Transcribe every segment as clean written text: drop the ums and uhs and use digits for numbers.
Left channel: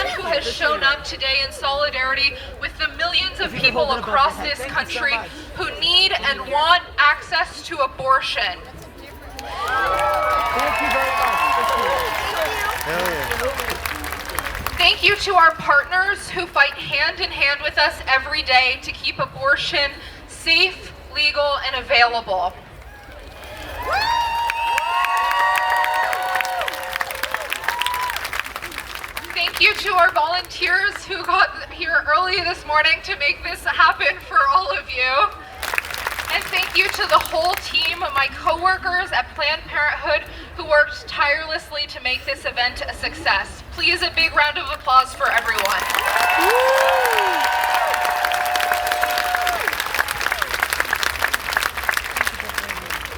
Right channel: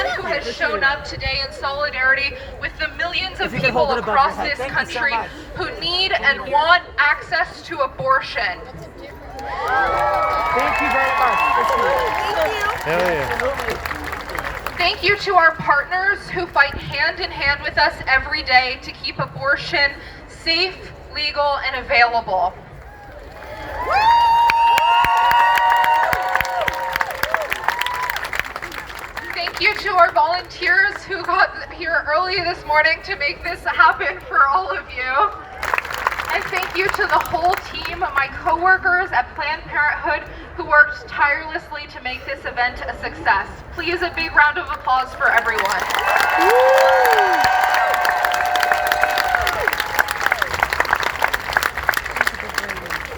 everyone who has shown up today in solidarity with the millions of people across this country who need and want access to abortion. Thank you very much. Hell yeah. Thank you to our partners who fight hand in hand with us every day to keep abortion safe, legal, and available. Thank you to our volunteers who got here early this morning to make this happen for all of you. And thank you to the whole team, my coworkers at Planned Parenthood who worked tirelessly to make this event a success. Please, a big round of applause for everyone.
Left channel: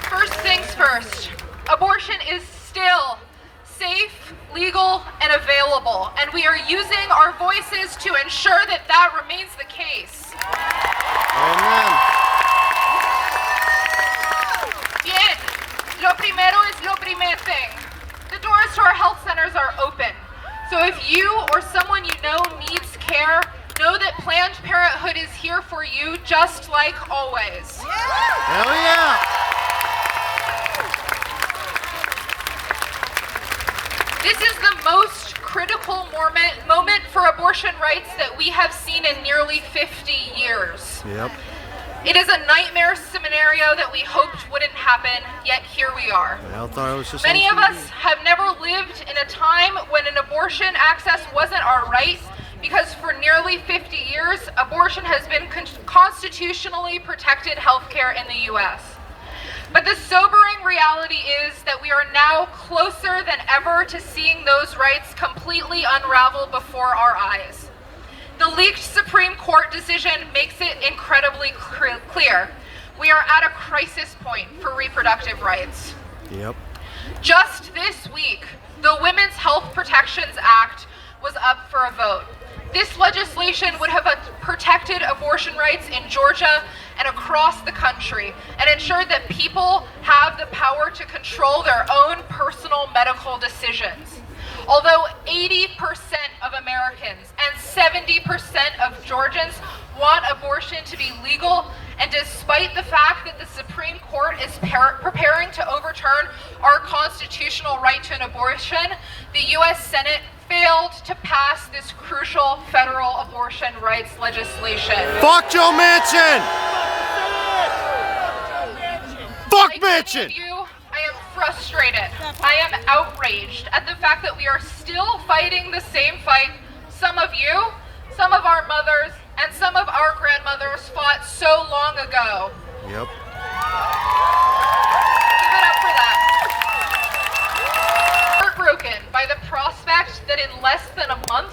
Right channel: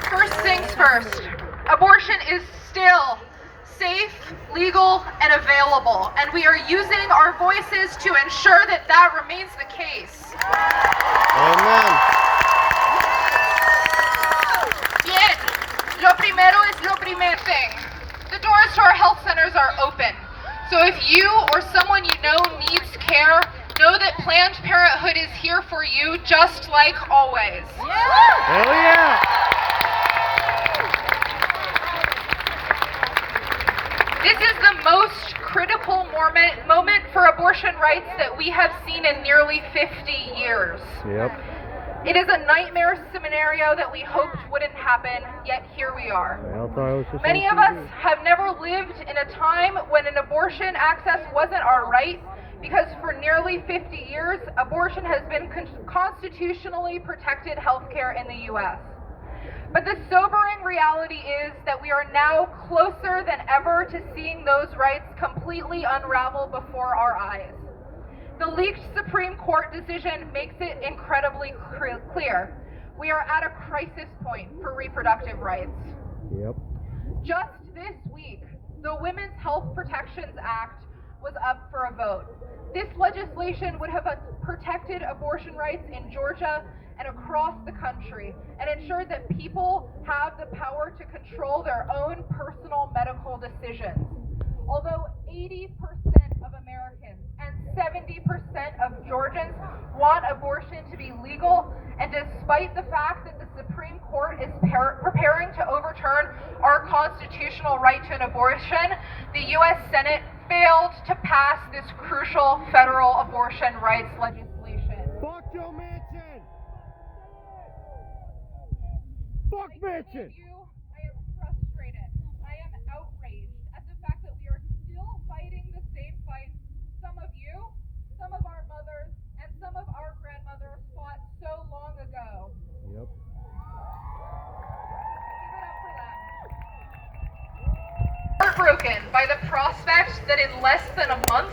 First things first, abortion is still safe, legal, and available, and we are using our voices to ensure that that remains the case. Amen. Bien, lo primero es lo primer thing. The doors to our health centers are open. So if you or someone you know needs care, know that Planned Parenthood is here for you just like always. Hell yeah. This is the most critical moment for abortion rights that we have seen in nearly 50 years. Yep. It is a nightmare scenario that we hoped wouldn't happen, yet here we are. I thought it was just Many of us have never lived in a time when an abortion access wasn't our right, because for nearly 50 years, abortion has been constitutionally protected healthcare in the US. But the sobering reality is that we are now closer than ever to seeing those rights completely unravel before our eyes. The leaked Supreme Court decision makes it incredibly clear. We are at a crisis point for reproductive rights. Yep. Just this week, the Women's Health Protections Act was up for a vote. This legislation would have protected abortion rights in Georgia and across the country and ensured that people have the power to control their own personal medical decisions. Although 80% of Americans and 70% of Georgians want abortion to be legal, and despite the fact that the Supreme Court is preparing to overturn our constitutional right to an abortion, the U.S. Senate failed to pass this crucial federal abortion rights legislation. Fuck Joe Manchin! Fuck Like Manchin! many of you, I am frustrated. I am outraged at the fact that we are still fighting the same fight some of you, some of our mothers, and some of our grandmothers fought so long ago. Yep. Give it up for that. Heartbroken by the prospect that in less than a month,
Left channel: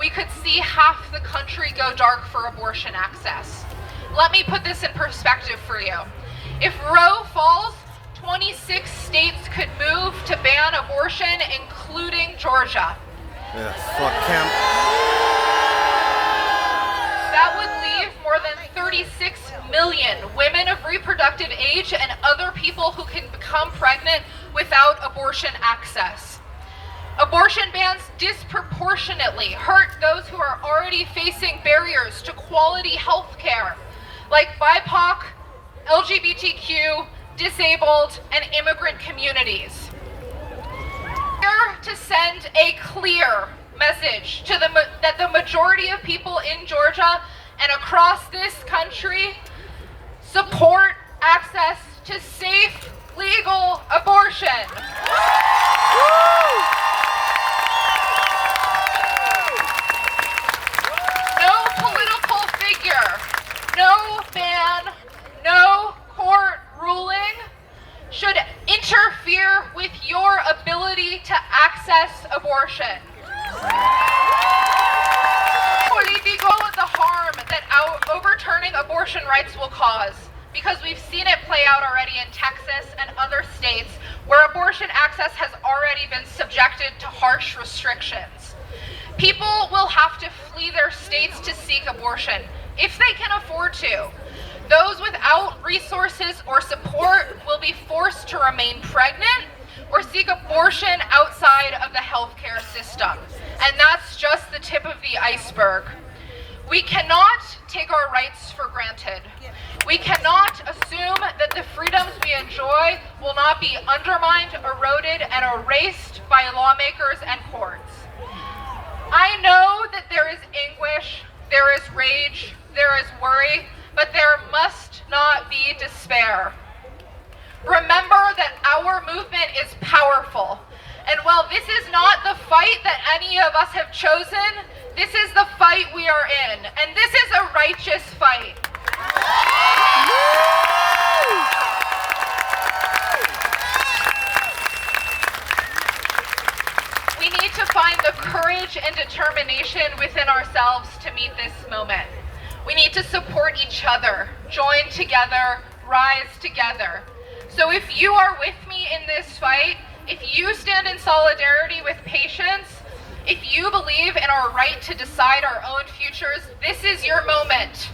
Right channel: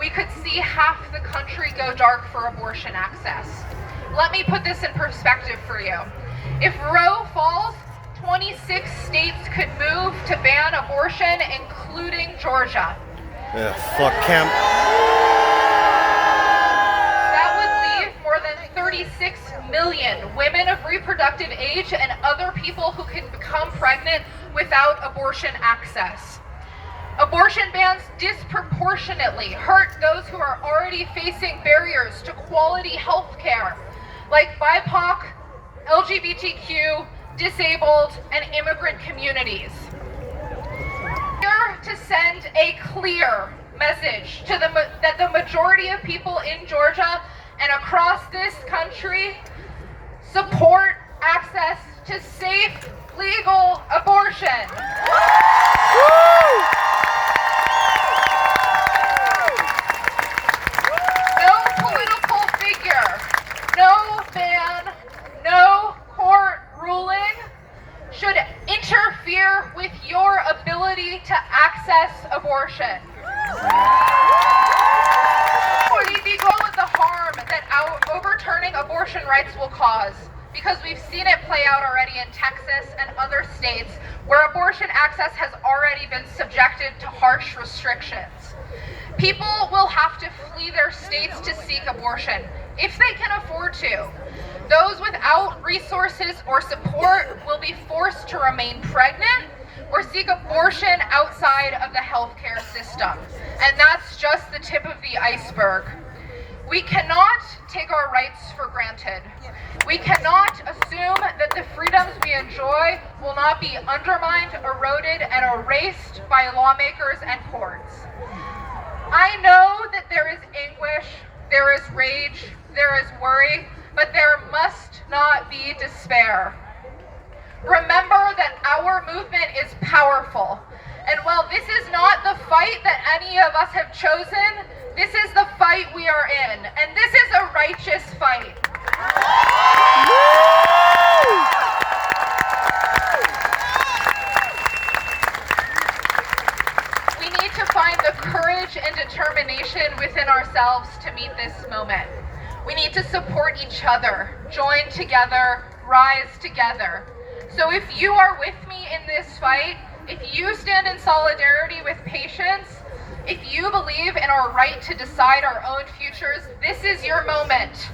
we could see half the country go dark for abortion access. Let me put this in perspective for you. If Roe falls, 26 states could move to ban abortion, including Georgia. Yeah, fuck Kemp. That would leave more than 36 million women of reproductive age and other people who can become pregnant without abortion access. Abortion bans disproportionately hurt those who are already facing barriers to quality health care, like BIPOC, LGBTQ, disabled, and immigrant communities. We're here to send a clear message to that the majority of people in Georgia and across this country support access to safe, legal abortion. No political figure, no ban, no court ruling should interfere with your ability to access abortion. Politico the harm that overturning abortion rights will cause, because we've seen it play out already in Texas and other states where abortion access has already been subjected to harsh restrictions. People will have to flee their states to seek abortion, if they can afford to. Those without resources or support will be forced to remain pregnant, or seek abortion outside of the healthcare system. And that's just the tip of the iceberg. We cannot take our rights for granted. We cannot assume that the freedoms we enjoy will not be undermined, eroded, and erased by lawmakers and courts. I know that there is anguish, there is rage, there is worry, but there must not be despair. Remember that our movement is powerful. And while this is not the fight that any of us have chosen, this is the fight we are in. And this is a righteous fight. We need to find the courage and determination within ourselves to meet this moment. We need to support each other, join together, rise together. So if you are with me in this fight, if you stand in solidarity with patients, if you believe in our right to decide our own futures, this is your moment.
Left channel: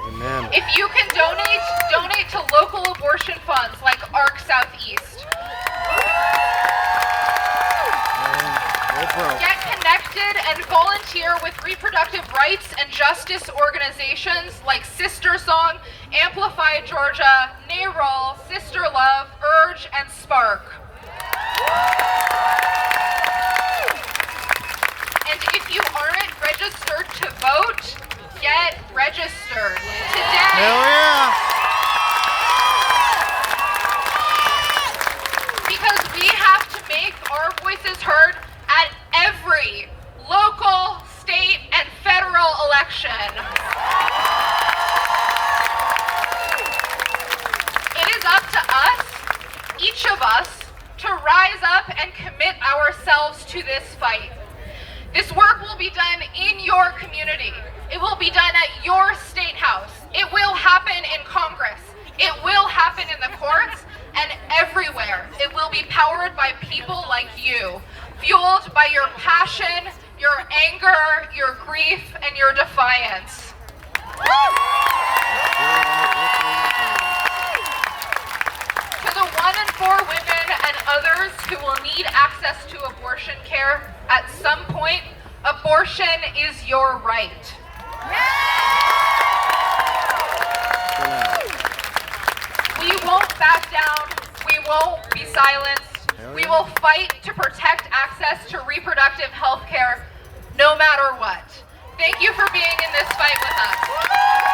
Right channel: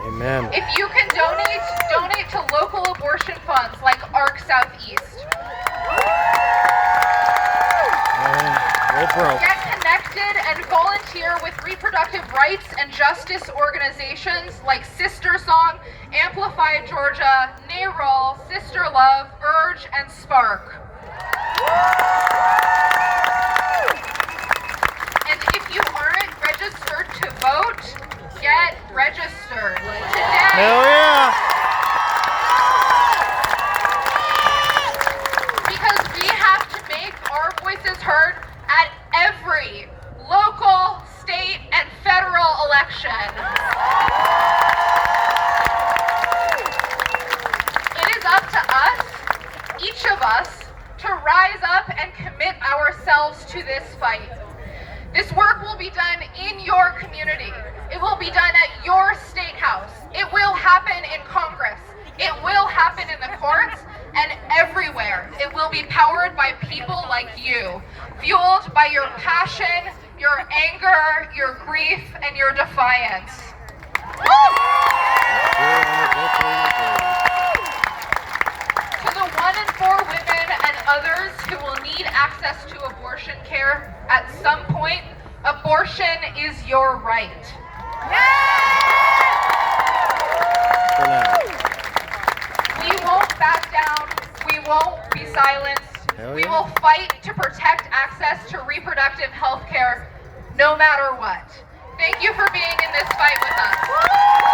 Amen. If you can donate to local abortion funds like ARC Southeast. Get connected and volunteer with reproductive rights and justice organizations like Sister Song, Amplify Georgia, NARAL, Sister Love, Urge, and Spark. And if you aren't registered to vote, get registered today. Hell yeah! Because we have to make our voices heard at every local, state, and federal election. It is up to us, each of us, to rise up and commit ourselves to this fight. This work will be done in your community. It will be done at your state house. It will happen in Congress. It will happen in the courts and everywhere. It will be powered by people like you, fueled by your passion, your anger, your grief, and your defiance. To the 1 in 4 women and others who will need access to abortion care at some point, abortion is your right. For now. We won't back down. We won't be silenced. Hell We yeah. will fight to protect access to reproductive health care no matter what. Thank you for being in this fight with us.